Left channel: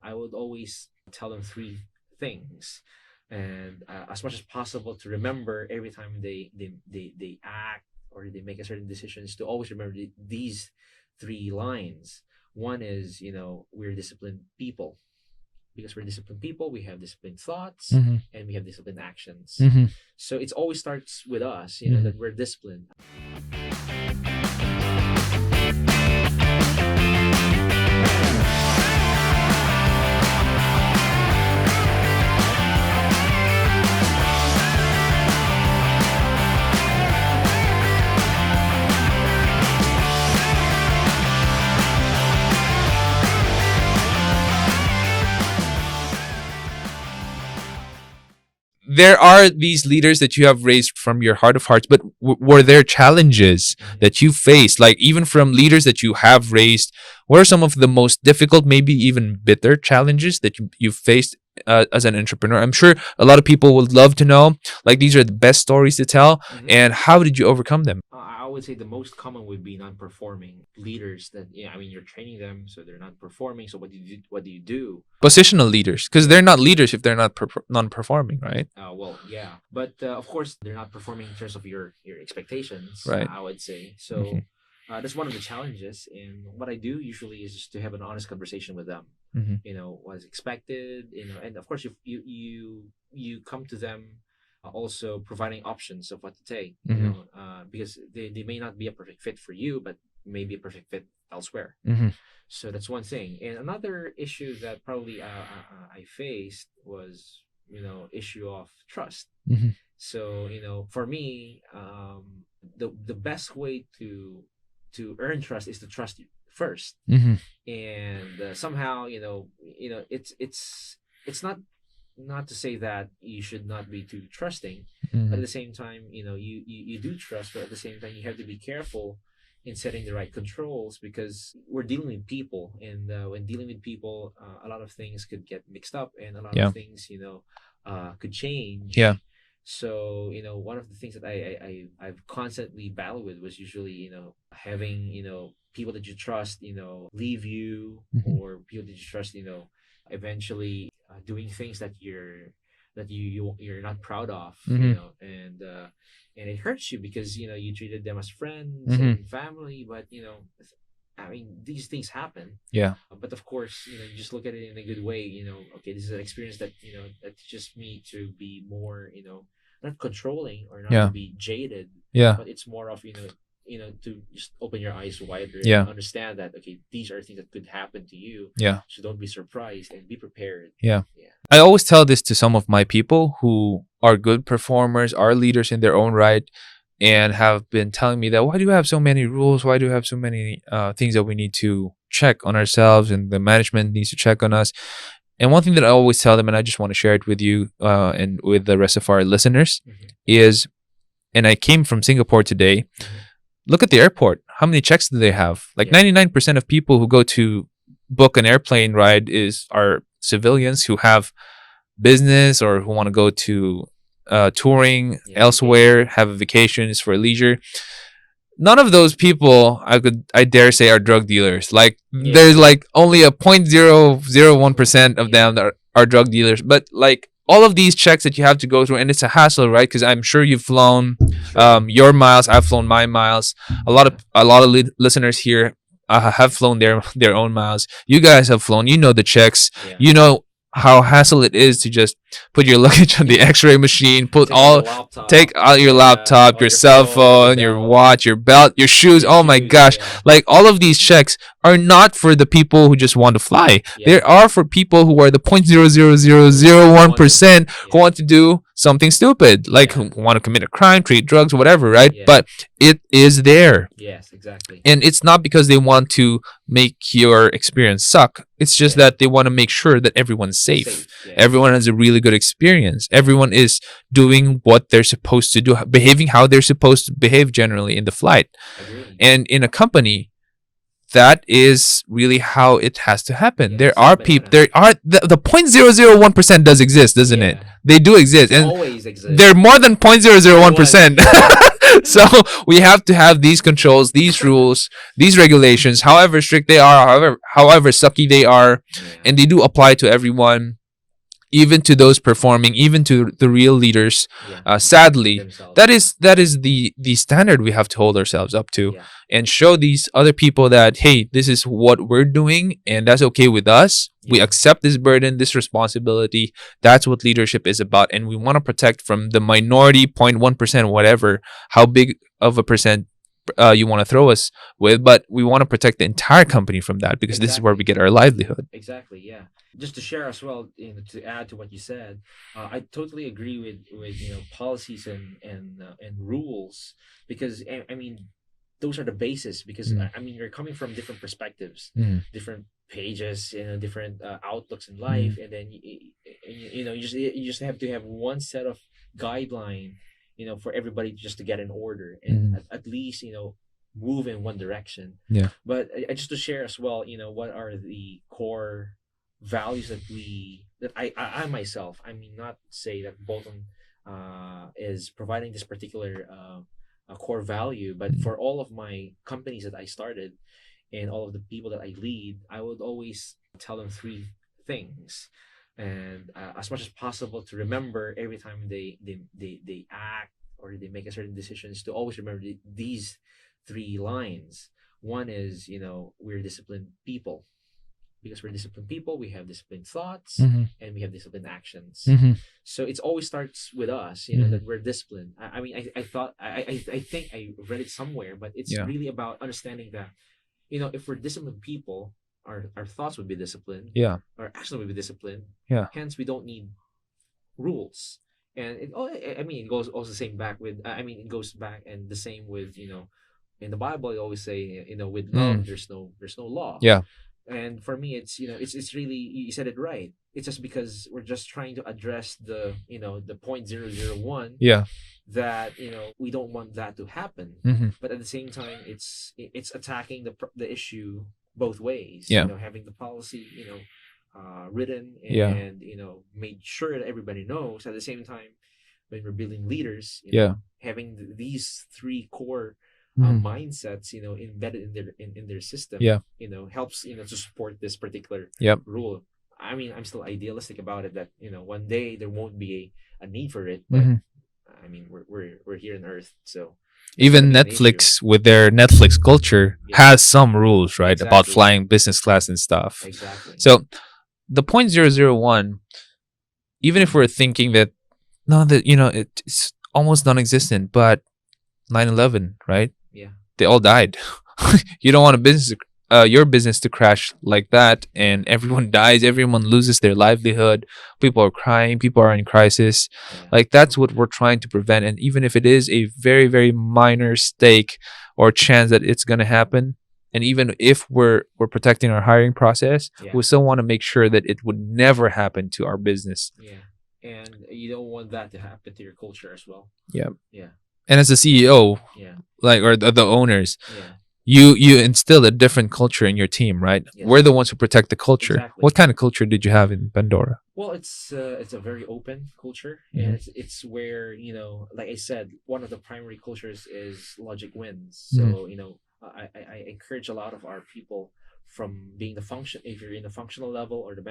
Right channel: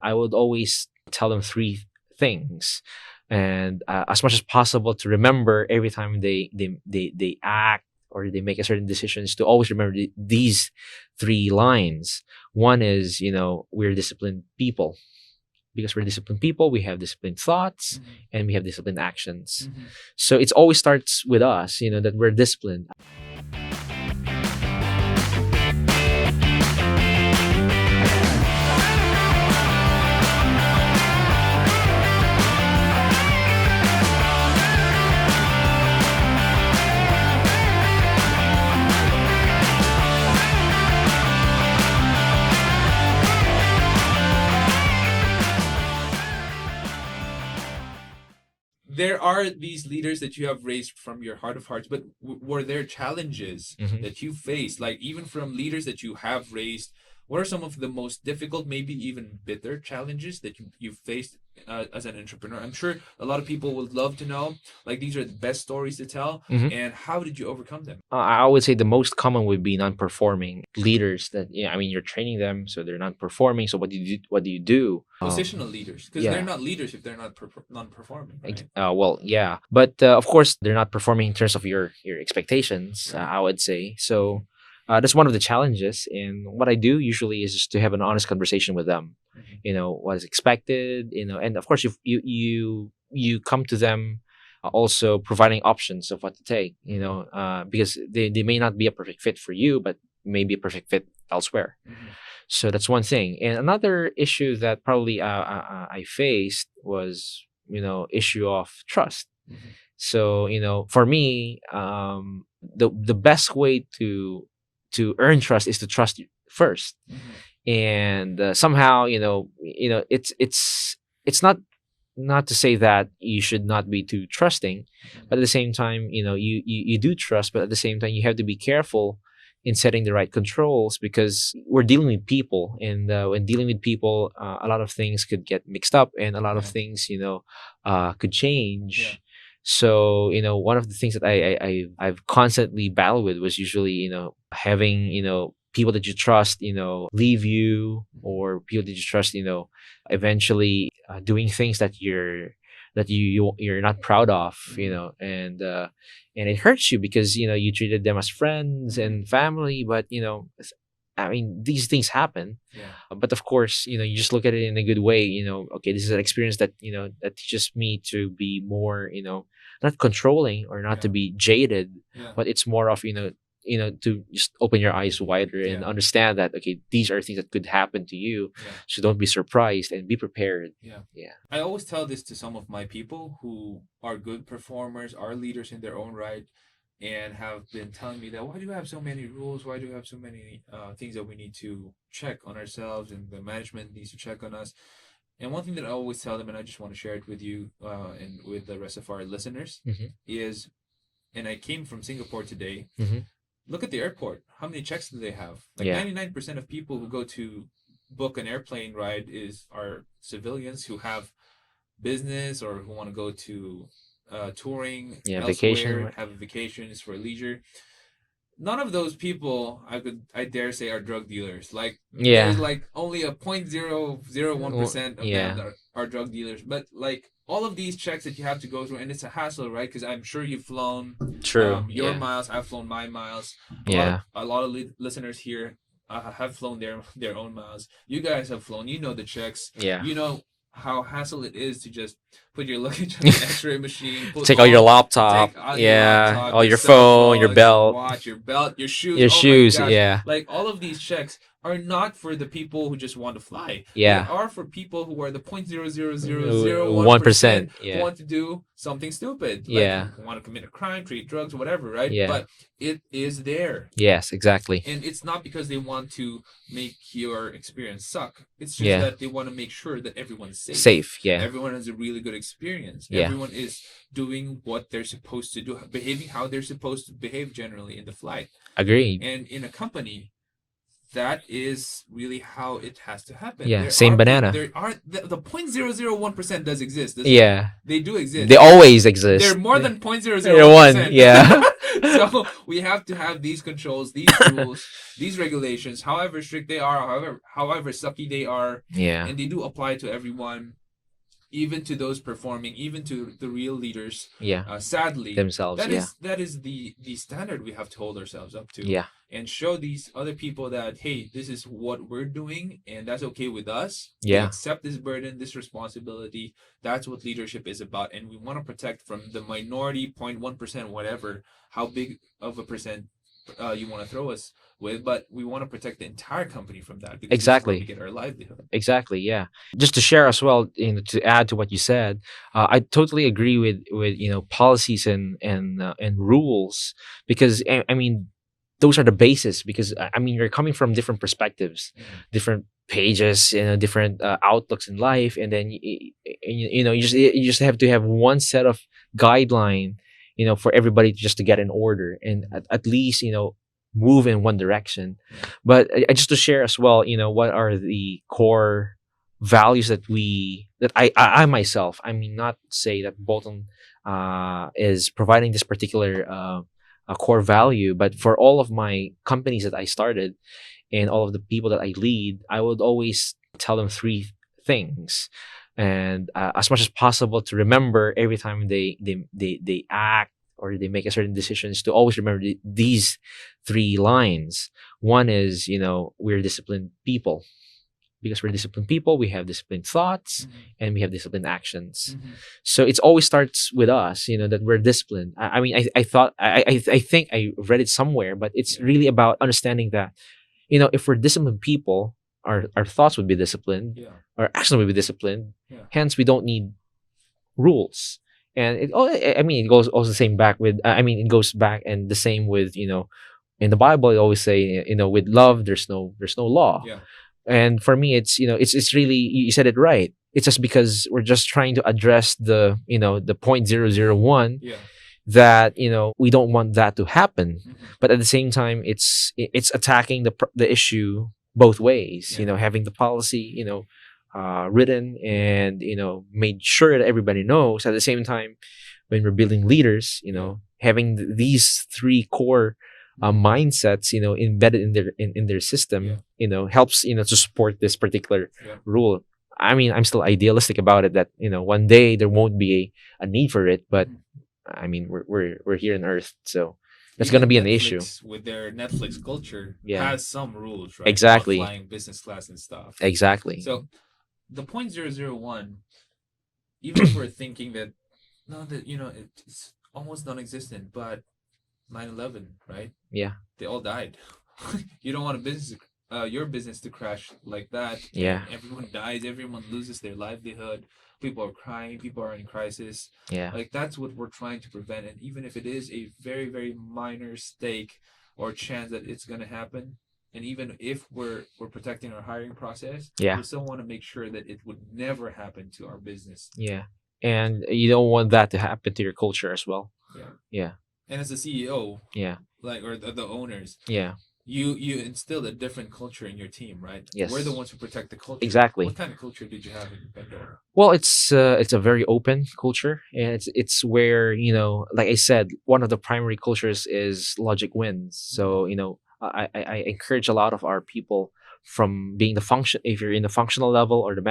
I would always tell them three things, and as much as possible to remember every time they act or they make a certain decisions, to always remember these three lines. One is, we're disciplined people. Because we're disciplined people, we have disciplined thoughts, and we have disciplined actions. So it always starts with us, that we're disciplined. There are these leaders that you have raised from your heart of hearts, but were there challenges that you faced, like even from leaders that you have raised? What are some of the most difficult, maybe even bitter challenges that you faced as an entrepreneur? I'm sure a lot of people would love to know, like, these are the best stories to tell, and how did you overcome them? I would say the most common would be non-performing leaders that, you're training them, so they're not performing. So what do you do? Positional leaders, because they're not leaders if they're not non-performing, right? Well, yeah. But of course, they're not performing in terms of your expectations, Right. I would say. So that's one of the challenges. And what I do usually is just to have an honest conversation with them. What is expected, and of course, you come to them also providing options of what to take, because they may not be a perfect fit for you, but may be a perfect fit elsewhere. So that's one thing. And another issue that probably I faced was, issue of trust. So, for me, the best way to earn trust is to trust you first. And somehow, it's not to say that you should not be too trusting, but at the same time, you do trust, but at the same time, you have to be careful in setting the right controls, because we're dealing with people, and when dealing with people, a lot of things could get mixed up, and a lot of things, could change. So, one of the things that I've constantly battled with was usually, having, people that you trust, leave you, or people that you trust, eventually doing things that you're not proud of, and it hurts you because, you treated them as friends and family, but, these things happen. But of course, you just look at it in a good way, okay, this is an experience that, that teaches me to be more, not controlling or not to be jaded, but it's more of, to just open your eyes wider and understand that, okay, these are things that could happen to you. So don't be surprised and be prepared. I always tell this to some of my people who are good performers, are leaders in their own right, and have been telling me that, why do you have so many rules? Why do you have so many things that we need to check on ourselves, and the management needs to check on us? And one thing that I always tell them, and I just want to share it with you and with the rest of our listeners, is, and I came from Singapore today, look at the airport. How many checks do they have? Like 99% of people who go to book an airplane ride are civilians who have business or who want to go to touring elsewhere, have vacations for leisure. None of those people, I dare say, are drug dealers. Like there's like only a 0.001% of them that are drug dealers. But like all of these checks that you have to go through, and it's a hassle, right? Because I'm sure you've flown your miles. I've flown my miles. A lot of listeners here have flown their own miles. You guys have flown. You know the checks. You know how hassle it is to just put your luggage on the X-ray machine, take out your laptop, your cell phone, your watch, your belt, your shoes. My gosh. Like all of these checks are not for the people who just want to fly. They are for people who are the 0.00001% who want to do something stupid, like who want to commit a crime, treat drugs, whatever, right? But it is there. Yes, exactly. And it's not because they want to make your experience suck. It's just that they want to make sure that everyone's safe. Everyone has a really good experience. Everyone is doing what they're supposed to do, behaving how they're supposed to behave generally in the flight. Agreed. And in a company, that is really how it has to happen. There are people. There are the 0.001% does exist, doesn't it? They do exist. They always exist. They're more than 0.001%. So we have to have these controls, these rules, these regulations, however strict they are, however sucky they are, Yeah. and they do apply to everyone, even to those performing, even to the real leaders. Yeah. Sadly, Themselves. that is the standard we have to hold ourselves up to, Yeah. and show these other people that, hey, this is what we're doing, and that's okay with us. We Yeah. accept this burden, this responsibility. That's what leadership is about, and we want to protect from the minority 0.1%, whatever, how big of a percent you want to throw us with, but we want to protect the entire company from that, because this is where Exactly. we get our livelihood. Exactly. Yeah. Just to share as well, to add to what you said, I totally agree with policies and rules, because I mean those are the basis, because I mean you're coming from different perspectives, different pages, different outlooks in life, and then you just have to have one set of guideline, for everybody just to get in order, and at least move in one direction. Yeah. But just to share as well, what are the core values that I myself, I mean, not say that Bolton is providing this particular a core value, but for all of my companies that I started and all of the people that I lead, I would always tell them three things, and as much as possible to remember every time they act or they make a certain decisions, to always remember these three lines. One is, we're disciplined people. Because we're disciplined people, we have disciplined thoughts, and we have disciplined actions. So it always starts with us, that we're disciplined. I mean, I thought, I think I read it somewhere, but it's really about understanding that, if we're disciplined people, our thoughts would be disciplined. Yeah. Our action would be disciplined. Yeah. Hence, we don't need rules. And it goes also the same back with, it goes back and the same with, in the Bible, they always say, with love, there's no law. Yeah. And for me, it's it's really, you said it right. It's just because we're just trying to address the the 0.001. Yeah. That we don't want that to happen. But at the same time, it's attacking the issue both ways. Yeah. Having the policy written and made sure that everybody knows. At the same time, when we're building leaders, having these three core mindsets, embedded in their system, helps, to support this particular rule. I mean, I'm still idealistic about it that, one day there won't be a need for it, but I mean, we're here on Earth, so even Netflix with their Netflix culture has some rules, right? About flying business class and stuff. Exactly. So the 0.001, even if we're thinking that it's almost non-existent, but 9/11, right? Yeah. They all died. You don't want your business to crash like that, and everyone dies, everyone loses their livelihood, people are crying, people are in crisis. Like, that's what we're trying to prevent. And even if it is a very, very minor stake or chance that it's going to happen, and even if we're protecting our hiring process, we still want to make sure that it would never happen to our business. And you don't want that to happen to your culture as well. And as a CEO, or the owners, you instill a different culture in your team, right? We're the ones who protect the culture. Exactly. What kind of culture did you have in Pandora? Well, it's a very open culture, and it's where, like I said, one of the primary cultures is logic wins. So I encourage a lot of our people, from being if you're in the functional level or the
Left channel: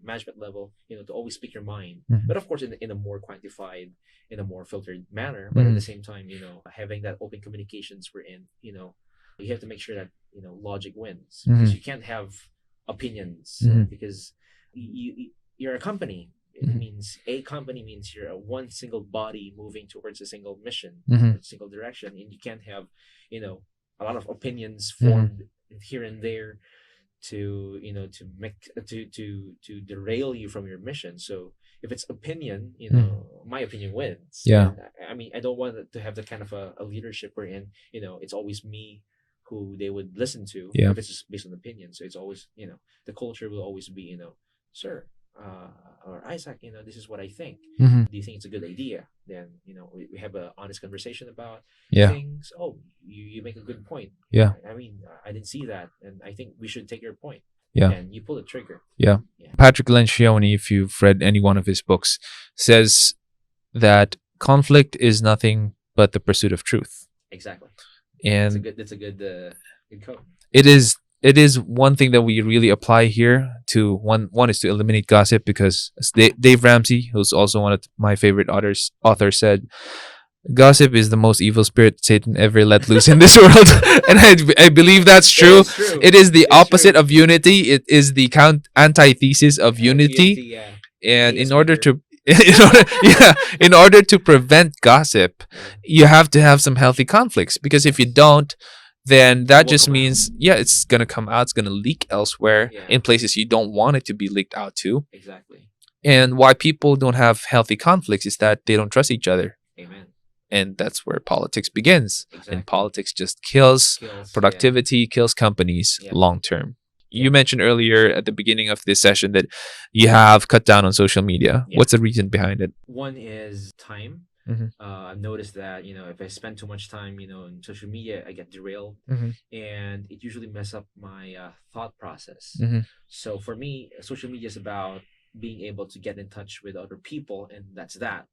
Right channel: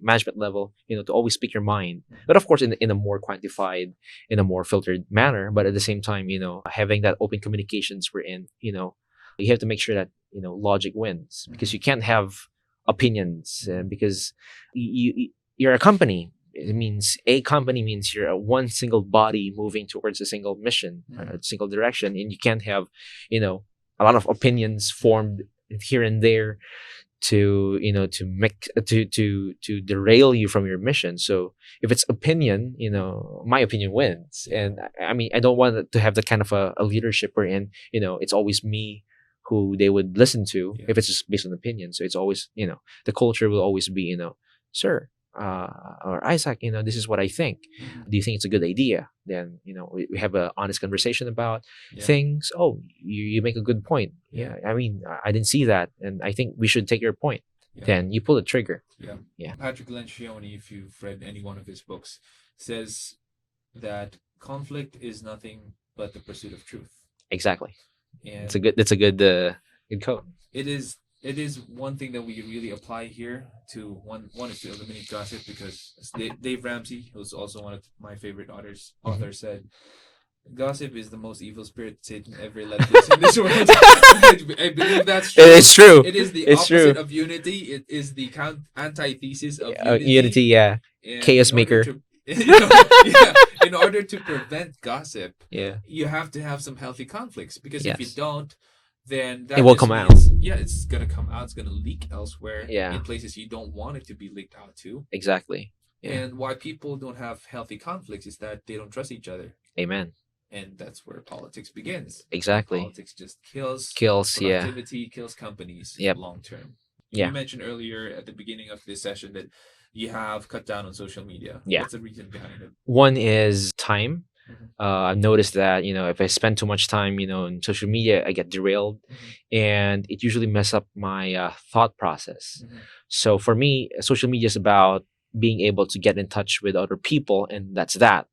management level, to always speak your mind, but of course in a more quantified, in a more filtered manner. But at the same time, having that open communications, we're in, you have to make sure that logic wins, because you can't have opinions, because you're a company. It means a company means you're one single body moving towards a single mission, a single direction, and you can't have a lot of opinions formed here and there to to derail you from your mission. So if it's opinion, my opinion wins. And I mean, I don't want to have that kind of a leadership wherein it's always me who they would listen to if it's just based on opinion. So it's always the culture will always be sir, or Isaac, this is what I think. Do you think it's a good idea? Then we have an honest conversation about things. Oh, you make a good point. I mean, I didn't see that, and I think we should take your point. Then you pull the trigger. Patrick Lencioni, if you've read any one of his books, says that conflict is nothing but the pursuit of truth. Exactly. And That's a good code. it is one thing that we really apply here. To one is to eliminate gossip, because as Dave Ramsey, who's also one of my favorite authors said, gossip is the most evil spirit Satan ever let loose in this world. And I believe that's true. It's true. It is the It's opposite true. of unity. It is the antithesis of unity. Yeah. And Chaos in order maker. to in order to prevent gossip, Yeah. you have to have some healthy conflicts, because if you Yes. don't, then that will just come out. means it's gonna come out, it's gonna leak elsewhere, Yeah. in places you don't want it to be leaked out to. Exactly. And why people don't have healthy conflicts is that they don't trust each other. Amen. And that's where politics begins. And Exactly. politics just kills Kills productivity, kills companies Yep. long term. Yeah. You mentioned earlier at the beginning of this session that you have cut down on social media. Yeah. What's the reason behind it? One is time. Mhm. I've noticed that if I spend too much time on social media, I get derailed, Mhm. and it usually mess up my thought process. Mhm. So for me, social media is about being able to get in touch with other people, and that's that.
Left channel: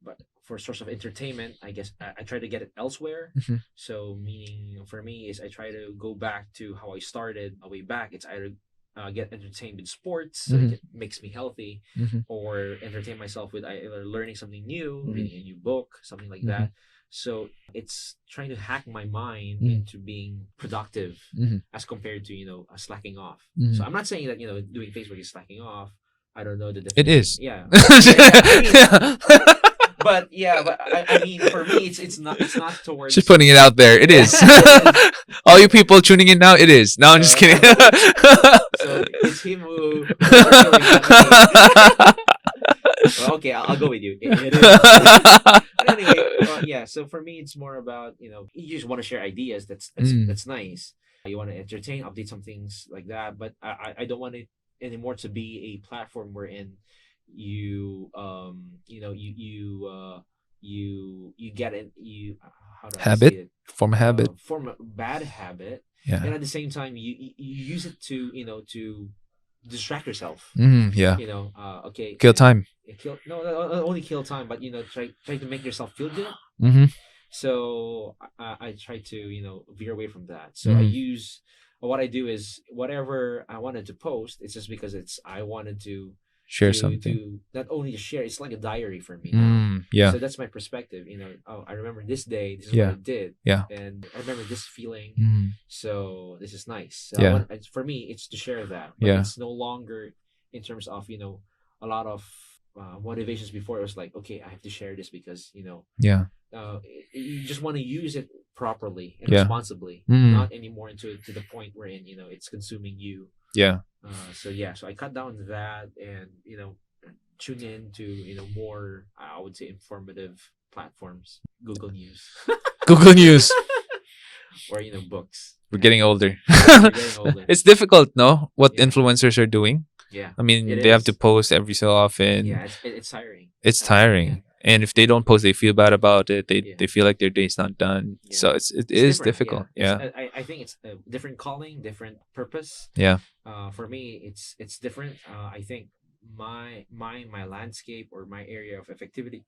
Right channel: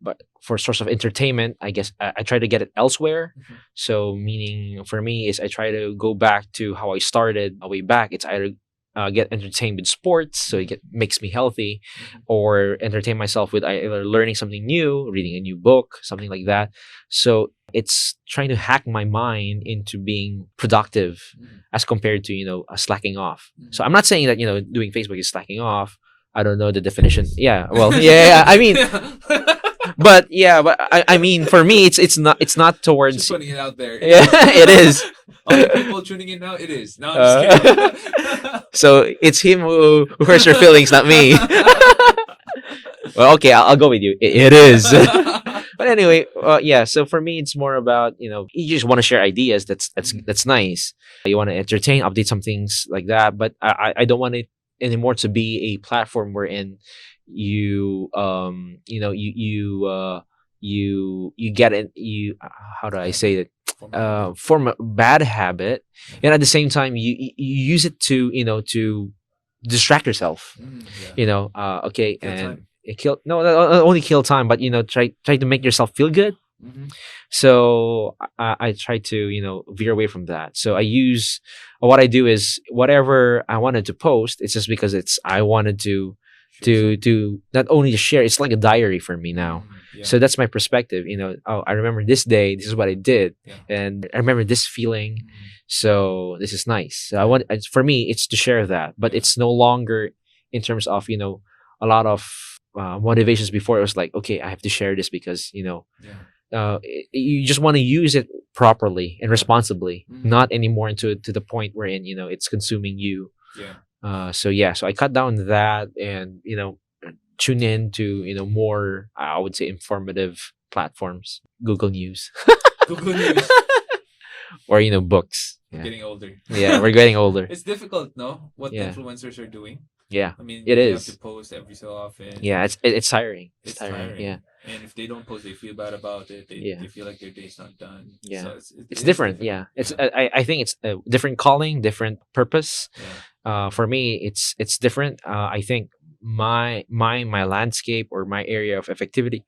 But for source of entertainment, I guess I try to get it elsewhere. Mhm. So meaning for me is I try to go back to how I started way back. It's either get entertained with sports, so Mhm. it makes me healthy, Mhm. or entertain myself with either learning something new, reading a new book, something like that. So it's trying to hack my mind Mhm. into being productive Mhm. as compared to slacking off. Mhm. So I'm not saying that doing Facebook is slacking off. I don't know the definition. is. Yeah. Well, yeah. I mean, but I mean, for me, it's not towards. Just putting it out there. It Yeah, is. it is. All you people tuning in now, it is. No, I'm just kidding. So it's him who hurts your feelings, not me. Well, okay, I'll go with you. It is. But anyway, yeah. So for me, it's more about you just want to share ideas. That's nice. You want to entertain, update some things like that. But I don't want it anymore to be a platform wherein you you get it. How do I say Habit? it? Form a habit. Form a bad habit, Yeah. and at the same time you use it to to distract yourself. Yeah. Okay, Kill and time. not only kill time, but try to make yourself feel good. Mm-hmm. So I try to veer away from that. So I Mm. use what I do is whatever I wanted to post. It's just because I wanted to Share something. to not only to share. It's like a diary for me now. Yeah. So that's my perspective. Oh, I remember this day. This is what Yeah. I did. Yeah. And I remember this feeling. Mm. So this is nice. So Yeah. for me, it's to share that, but Yeah. it's no longer in terms of a lot of motivations. Before it was like, okay, I have to share this because Yeah. you just want to use it properly and Yeah. responsibly, Mm. not anymore to the point wherein it's consuming you. Yeah. So I cut down that and tune in to more, I would say, informative platforms, Google News Google News. or books. We're getting older. Yeah, we're getting older. It's difficult, no? What Yeah. influencers are doing. Yeah, I mean, It they have is. to post every so often. yeah, it's tiring. It's tiring. Yeah. And if they don't post, they feel bad about it. They Yeah. they feel like their day's not done. Yeah. So it It's is different. difficult. Yeah, it's, Yeah. I think it's a different calling, different purpose. Yeah. For me, it's different. I think my landscape or my area of effectivity,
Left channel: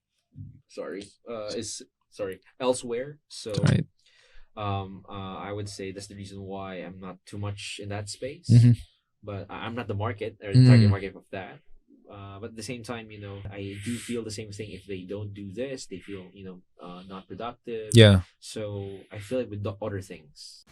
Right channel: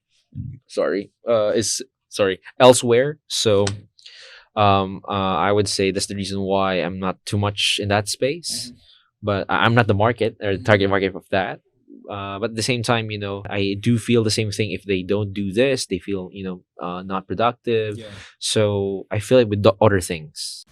is elsewhere. So, Right. I would say that's the reason why I'm not too much in that space. Mhm. But I'm not the market or the target Mm. market of that. But at the same time, I do feel the same thing. If they don't do this, they feel not productive. Yeah. So I feel it with the other things.